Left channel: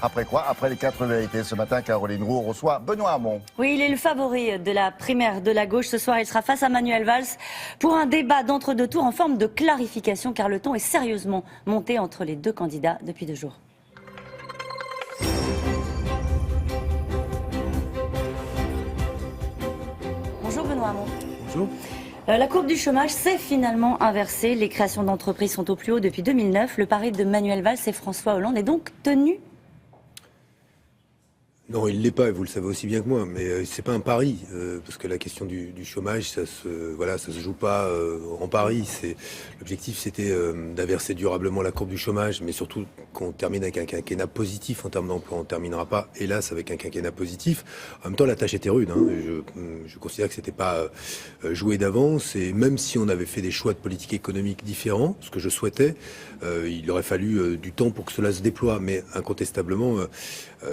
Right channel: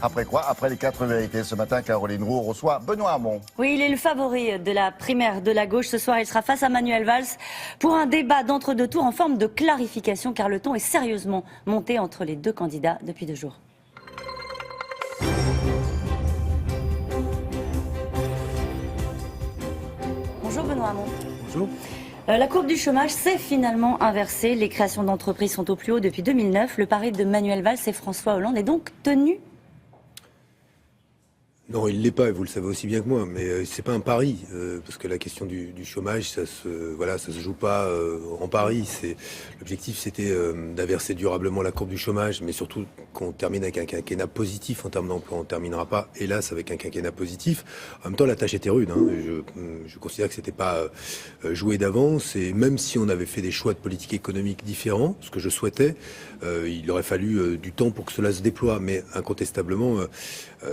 Après quoi? Après les 4 vérités. Ce matin, Caroline Roux reçoit Benoît Hamon. Oui, il est le favori de la primaire de la gauche. Ce soir, il sera face à Manuel Valls pour un débat d'entre-deux tours en forme de clarification, car le ton est sérieusement monté entre les deux candidats depuis 2 jours. Bonjour Benoît Hamon. Bonjour. La courbe du chômage s'est finalement inversée. Les créations d'entreprises sont au plus haut depuis 2009. Le pari de Manuel Valls et François Hollande est donc tenu? Non, il ne l'est pas, vous le savez aussi bien que moi, mais c'est pas un pari, parce que la question du chômage, ça se joue pas en pari. L'objectif, c'était d'inverser durablement la courbe du chômage, mais surtout qu'on termine avec un quinquennat positif en termes d'emploi. On ne terminera pas, hélas, avec un quinquennat positif. En même temps, la tâche était rude. Je considère que c'était pas joué d'avance, et même si on avait fait des choix de politique économique différents, ce que je souhaitais, il aurait fallu du temps pour que cela se déploie, mais incontestablement,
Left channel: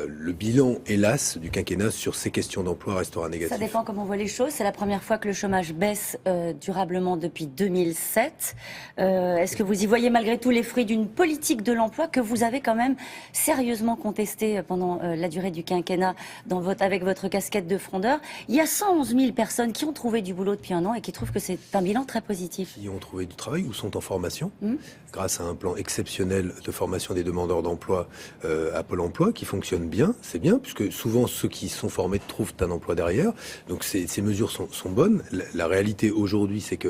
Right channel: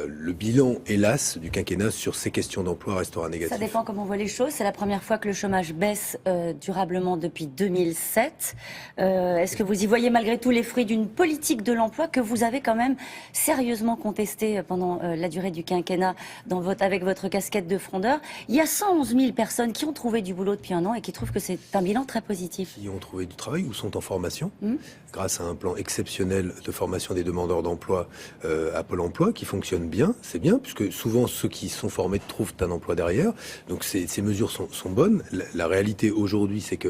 le bilan, hélas, du quinquennat sur ces questions d'emploi restera négatif. Ça dépend comment on voit les choses. C'est la première fois que le chômage baisse durablement depuis 2007. Est-ce que vous y voyez malgré tout les fruits d'une politique de l'emploi que vous avez quand même sérieusement contestée pendant la durée du quinquennat avec votre casquette de frondeur? Il y a 111 000 personnes qui ont trouvé du boulot depuis 1 an et qui trouvent que c'est un bilan très positif. Qui ont trouvé du travail ou sont en formation, grâce à un plan exceptionnel de formation des demandeurs d'emploi à Pôle emploi qui fonctionne bien, c'est bien, puisque souvent ceux qui sont formés trouvent un emploi derrière. Donc ces mesures sont bonnes. La réalité aujourd'hui, c'est que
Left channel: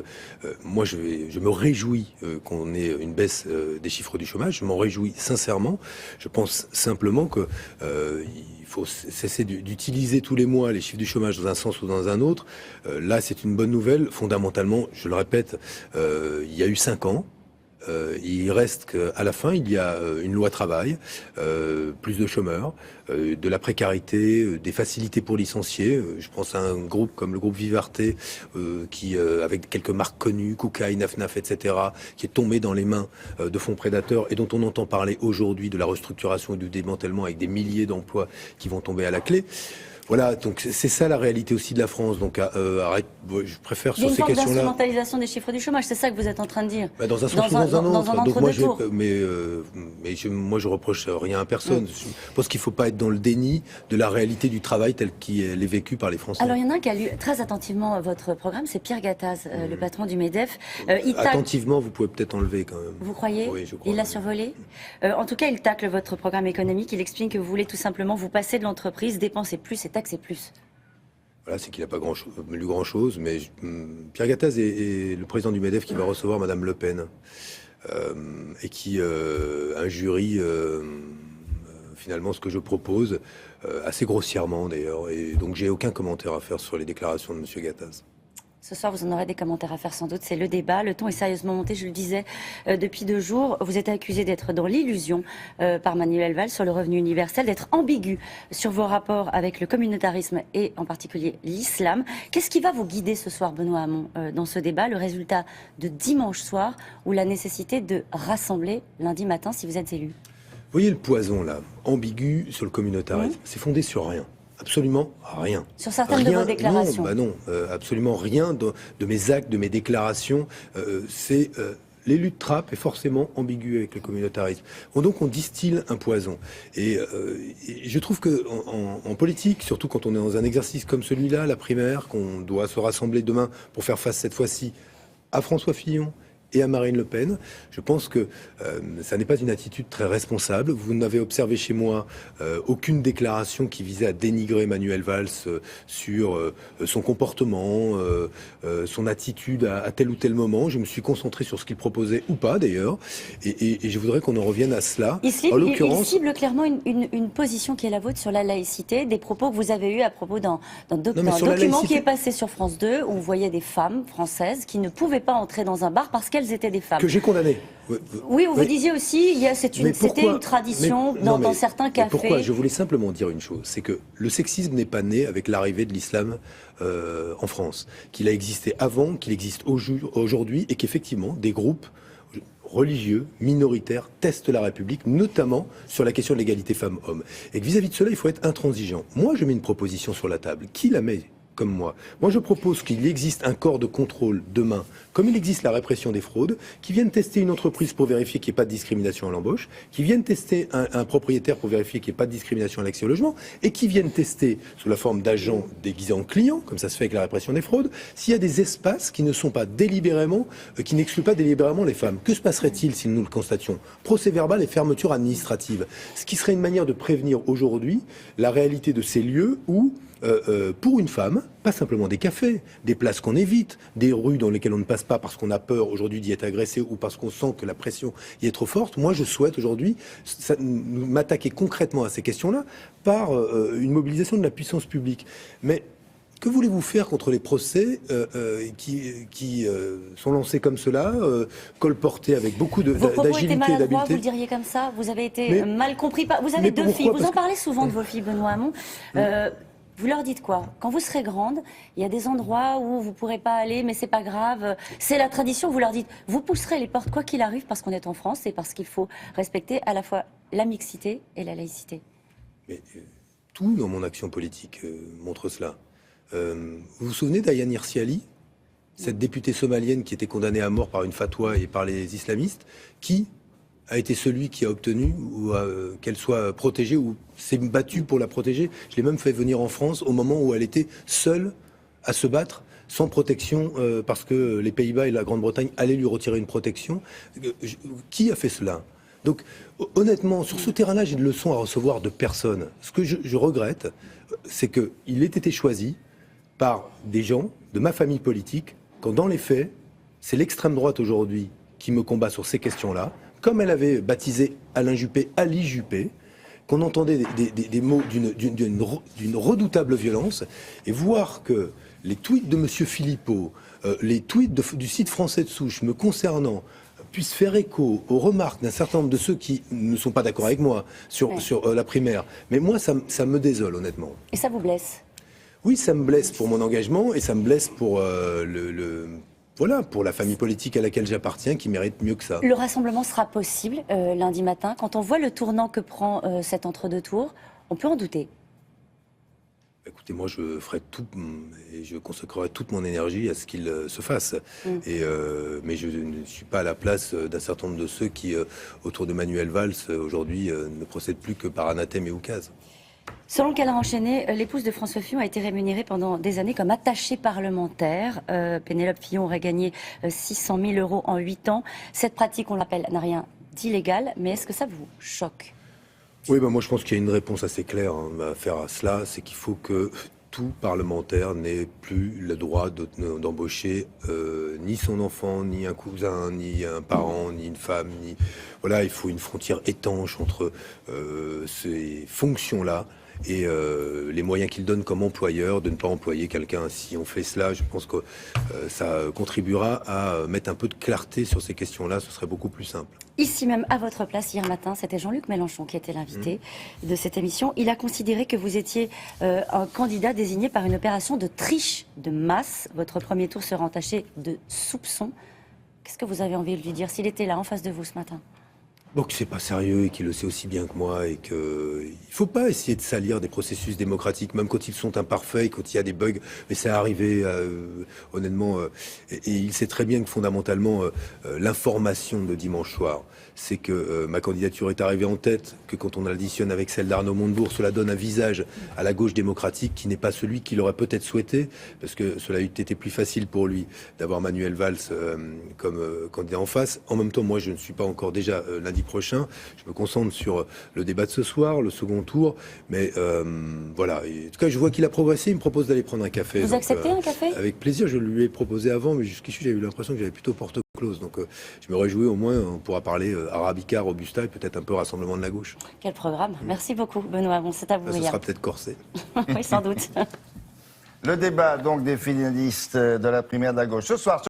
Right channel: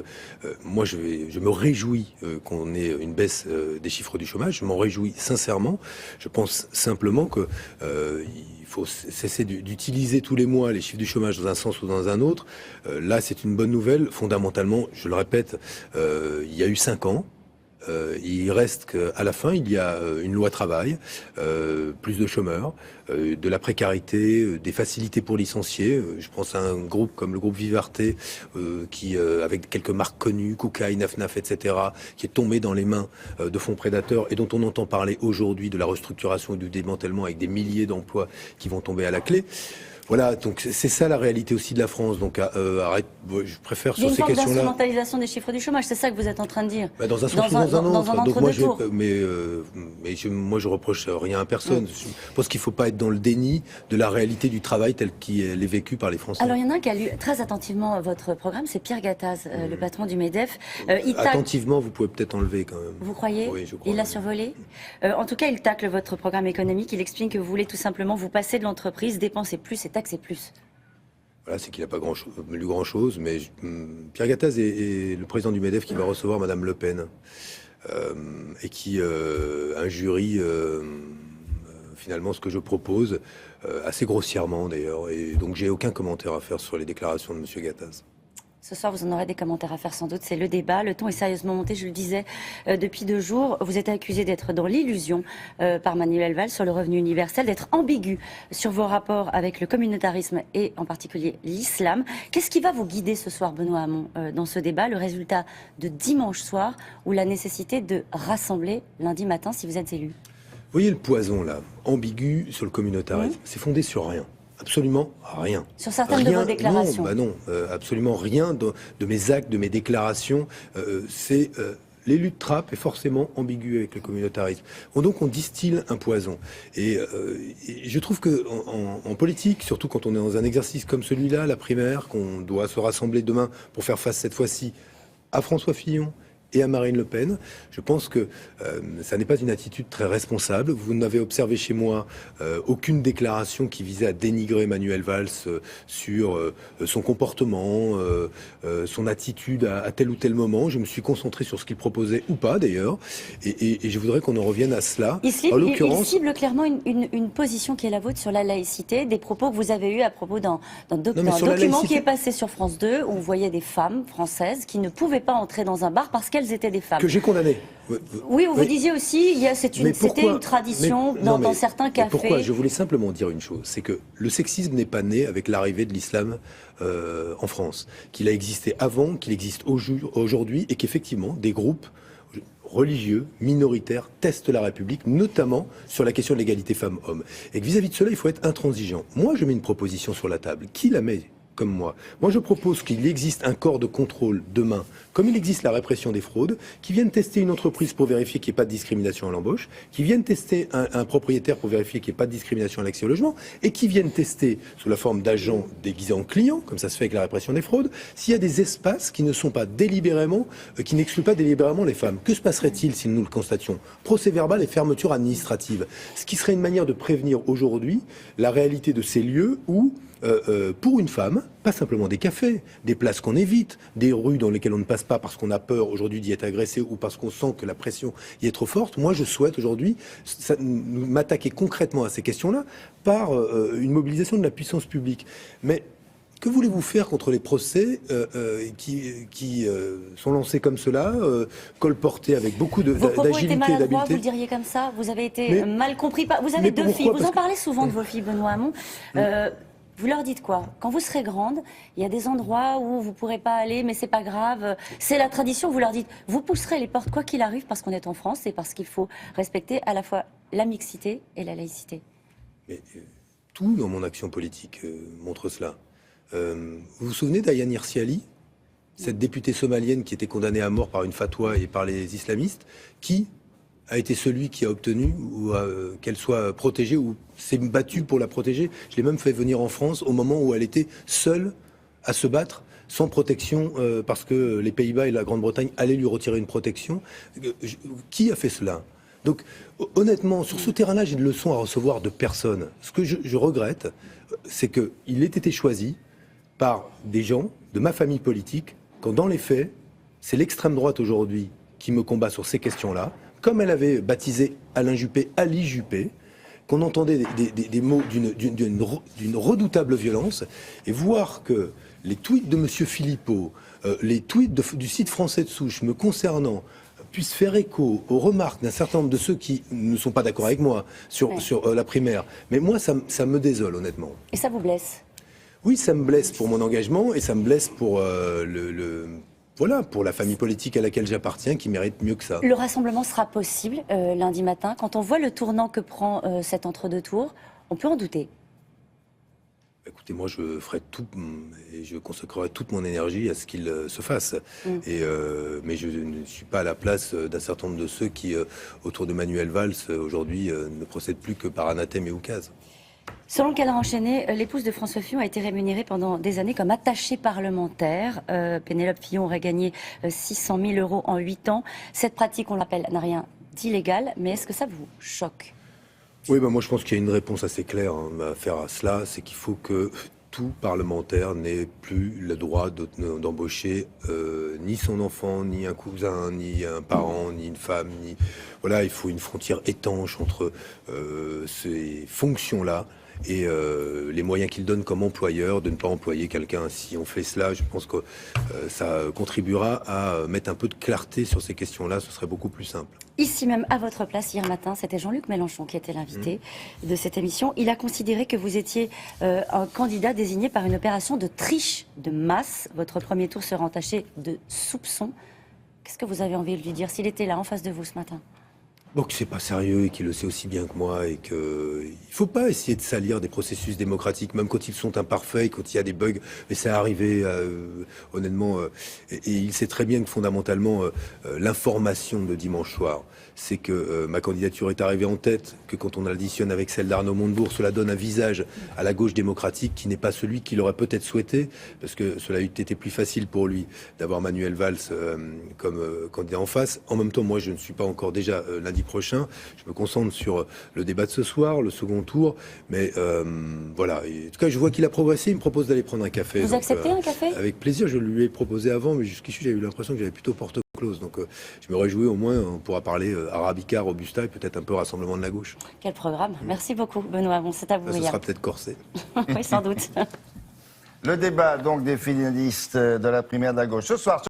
moi je me réjouis qu'on ait une baisse des chiffres du chômage. Je m'en réjouis sincèrement. Je pense simplement que il faut cesser d'utiliser tous les mois les chiffres du chômage dans un sens ou dans un autre. Là, c'est une bonne nouvelle. Fondamentalement, je le répète, il y a eu 5 ans. Il reste qu'à la fin, il y a une loi travail, plus de chômeurs, de la précarité, des facilités pour licencier. Je pense à un groupe comme le groupe Vivarté, qui, avec quelques marques connues, Koukaï, Naf, etc., qui est tombé dans les mains de fonds prédateurs et dont on entend parler aujourd'hui de la restructuration et du démantèlement avec des milliers d'emplois qui vont tomber à la clé. Voilà, donc c'est ça la réalité aussi de la France. Donc je préfère sur ces questions-là. Une forme d'instrumentalisation des chiffres du chômage, c'est ça que vous êtes en train de dire? Dans un sens ou dans un autre. Donc moi, je reproche rien à personne. Je pense qu'il ne faut pas être dans le déni de la réalité du travail tel qu'il est vécu par les Français. Alors il y en a un qui a lu très attentivement votre programme, c'est Pierre Gattaz, le patron du MEDEF. Attentivement, vous pouvez peut-être enlever quand même. Vous croyez? Oui, je crois. Il l'a survolé? En tout cas, il tacle votre programme économique. Il explique que vous voulez tout simplement vous passer de l'entreprise, dépenser plus et taxer plus. Voilà, c'est qu'il n'a pas lu grand-chose, mais Pierre Gattaz est le président du MEDEF qui va recevoir Madame Le Pen, et qui injurie finalement ce que je propose, assez grossièrement d'ailleurs, et donc j'ai aucun commentaire à faire sur les déclarations de Monsieur Gattaz. Ce soir, vous en aurez des commentaires à faire sans doute. C'est le débat. Le ton est sérieusement monté, je le disais, depuis 2 jours. Vous êtes accusé d'être dans l'illusion par Manuel Valls sur le revenu universel, d'être ambigu sur vos rapports avec le communautarisme et en particulier l'islam. Qu'est-ce qui va vous guider ce soir, Benoît Hamon, dans ce débat? Le résultat de dimanche soir ou la nécessité de rassembler lundi matin si vous êtes élu? Vous voyez le poison là, ambigu sur le communautarisme, c'est fondé sur rien. Absolument rien. Sur certaines de vos déclarations? Non, absolument rien de mes actes, de mes déclarations. L'élu de Trappes est forcément ambigu avec le communautarisme. Donc on distille un poison. Et je trouve que en politique, surtout quand on est dans un exercice comme celui-là, la primaire, qu'on doit se rassembler demain pour faire face cette fois-ci à François Fillon et à Marine Le Pen, je pense que ça n'est pas une attitude très responsable. Vous n'avez observé chez moi aucune déclaration qui visait à dénigrer Manuel Valls sur son comportement, son attitude à tel ou tel moment. Je me suis concentré sur ce qu'il proposait ou pas d'ailleurs, et je voudrais qu'on en revienne à cela. Il cible clairement une position qui est la vôtre sur la laïcité, des propos que vous avez eus à propos d'un document qui est passé sur France 2 où on voyait des femmes françaises qui ne pouvaient pas entrer dans un bar parce qu'elles étaient des femmes. Que j'ai condamné. Oui, vous disiez aussi, c'était une tradition dans certains cafés. Pourquoi? Je voulais simplement dire une chose, c'est que le sexisme n'est pas né avec l'arrivée de l'islam en France, qu'il a existé avant, qu'il existe aujourd'hui, et qu'effectivement, des groupes religieux, minoritaires, testent la République, notamment sur la question de l'égalité femmes-hommes. Et que vis-à-vis de cela, il faut être intransigeant. Moi, je mets une proposition sur la table. Qui la met comme moi? Moi, je propose qu'il existe un corps de contrôle demain comme il existe la répression des fraudes, qui viennent tester une entreprise pour vérifier qu'il n'y ait pas de discrimination à l'embauche, qui viennent tester un propriétaire pour vérifier qu'il n'y ait pas de discrimination à l'accès au logement, et qui viennent tester sous la forme d'agents déguisés en clients, comme ça se fait avec la répression des fraudes, s'il y a des espaces qui ne sont pas délibérément, qui n'excluent pas délibérément les femmes. Que se passerait-il si nous le constations? Procès verbal et fermeture administrative. Ce qui serait une manière de prévenir aujourd'hui la réalité de ces lieux où, pour une femme, pas simplement des cafés, des places qu'on évite, des rues dans lesquelles on ne passe pas parce qu'on a peur aujourd'hui d'y être agressé ou parce qu'on sent que la pression y est trop forte. Moi, je souhaite aujourd'hui m'attaquer concrètement à ces questions-là par une mobilisation de la puissance publique. Mais que voulez-vous faire contre les procès qui sont lancés comme cela, colportés avec beaucoup d'agilité et d'habileté? Vous le diriez comme ça? Vous avez été mal compris. Vous avez deux filles. Vous en parlez souvent de vos filles, Benoît Hamon. Vous leur dites quoi? Quand vous serez grande, il y a des endroits où vous ne pourrez pas aller, mais c'est pas grave. C'est la tradition. Vous leur dites, vous pousserez les portes quoi qu'il arrive parce qu'on est en France et parce qu'il faut respecter à la fois la mixité et la laïcité. Mais, tout dans mon action politique montre cela. Vous vous souvenez d'Ayaan Hirsi Ali, cette députée somalienne qui était condamnée à mort par une fatwa et par les islamistes, qui a été celui qui a obtenu qu'elle soit protégée ou s'est battu pour la protéger. Je l'ai même fait venir en France au moment où elle était seule à se battre, sans protection, parce que les Pays-Bas et la Grande-Bretagne allaient lui retirer une protection. Qui a fait cela? Donc, honnêtement, sur ce terrain-là, j'ai de leçons à recevoir de personne. Ce que je regrette, c'est qu'il ait été choisi par des gens de ma famille politique, quand dans les faits, c'est l'extrême droite aujourd'hui qui me combat sur ces questions-là, comme elle avait baptisé Alain Juppé Ali Juppé, qu'on entendait des mots d'une redoutable violence, et voir que les tweets de M. Philippot, les tweets du site français de souche me concernant, puissent faire écho aux remarques d'un certain nombre de ceux qui ne sont pas d'accord avec moi sur la primaire. Mais moi, ça me désole, honnêtement. Et ça vous blesse? Oui, ça me blesse pour mon engagement et ça me blesse pour pour la famille politique à laquelle j'appartiens, qui mérite mieux que ça. Le rassemblement sera possible lundi matin. Quand on voit le tournant que prend cet entre-deux tours, on peut en douter. Écoutez, moi, je ferai tout et je consacrerai toute mon énergie à ce qu'il se fasse. Mais je ne suis pas à la place d'un certain nombre de ceux qui, autour de Manuel Valls, aujourd'hui, ne procèdent plus que par anathème et oukase. Selon le cadre enchaîné, l'épouse de François Fillon a été rémunérée pendant des années comme attachée parlementaire. Pénélope Fillon aurait gagné 600 000 € en 8 ans. Cette pratique, on l'appelle, n'a rien d'illégal, mais est-ce que ça vous choque? Oui, moi je pense qu'il y a une réponse assez claire à faire à cela, c'est qu'il faut que tout parlementaire n'ait plus le droit d'embaucher ni son enfant, ni un cousin, ni un parent, ni une femme, ni... Voilà, il faut une frontière étanche entre ces fonctions-là et les moyens qu'ils donnent comme employeur de ne pas employer quelqu'un. Si on fait cela, je pense que ça contribuera à mettre un peu de clarté sur ces questions-là, ce serait beaucoup plus simple. Ici même, à votre place, hier matin, c'était Jean-Luc Mélenchon qui était l'invité de cette émission. Il a considéré que vous étiez un candidat désigné par une opération de triche de masse. Votre premier tour sera entaché de soupçons. Qu'est-ce que vous avez envie de lui dire s'il était là, en face de vous ce matin? Bon, que c'est pas sérieux et qu'il le sait aussi bien que moi et qu'il ne faut pas essayer de salir des processus démocratiques, même quand ils sont imparfaits, quand il y a des bugs. Mais c'est arrivé, honnêtement, et il sait très bien que fondamentalement, l'information de dimanche soir, c'est que ma candidature est arrivée en tête, que quand on additionne avec celle d'Arnaud Montebourg, cela donne un visage à la gauche démocratique qui n'est pas celui qu'il aurait peut-être souhaité, parce que cela eût été plus facile pour lui d'avoir Manuel Valls comme candidat en face. En même temps, moi, je ne suis pas encore déjà lundi prochain. Je me concentre sur le débat de ce soir, le second tour. Mais voilà. Et en tout cas, je vois qu'il a progressé. Il me propose d'aller prendre un café. Vous acceptez un café? Avec plaisir. Je lui ai proposé avant, mais jusqu'ici, j'avais eu l'impression que j'avais plutôt porte close. Donc, je me réjouis au moins. On pourra parler Arabica, Robusta et peut-être un peu Rassemblement de la gauche. Quel programme. Merci beaucoup, Benoît. Bon, c'est à vous. Ce sera peut-être corsé. Oui, sans doute. Le débat donc des finalistes de la primaire de la gauche ce soir.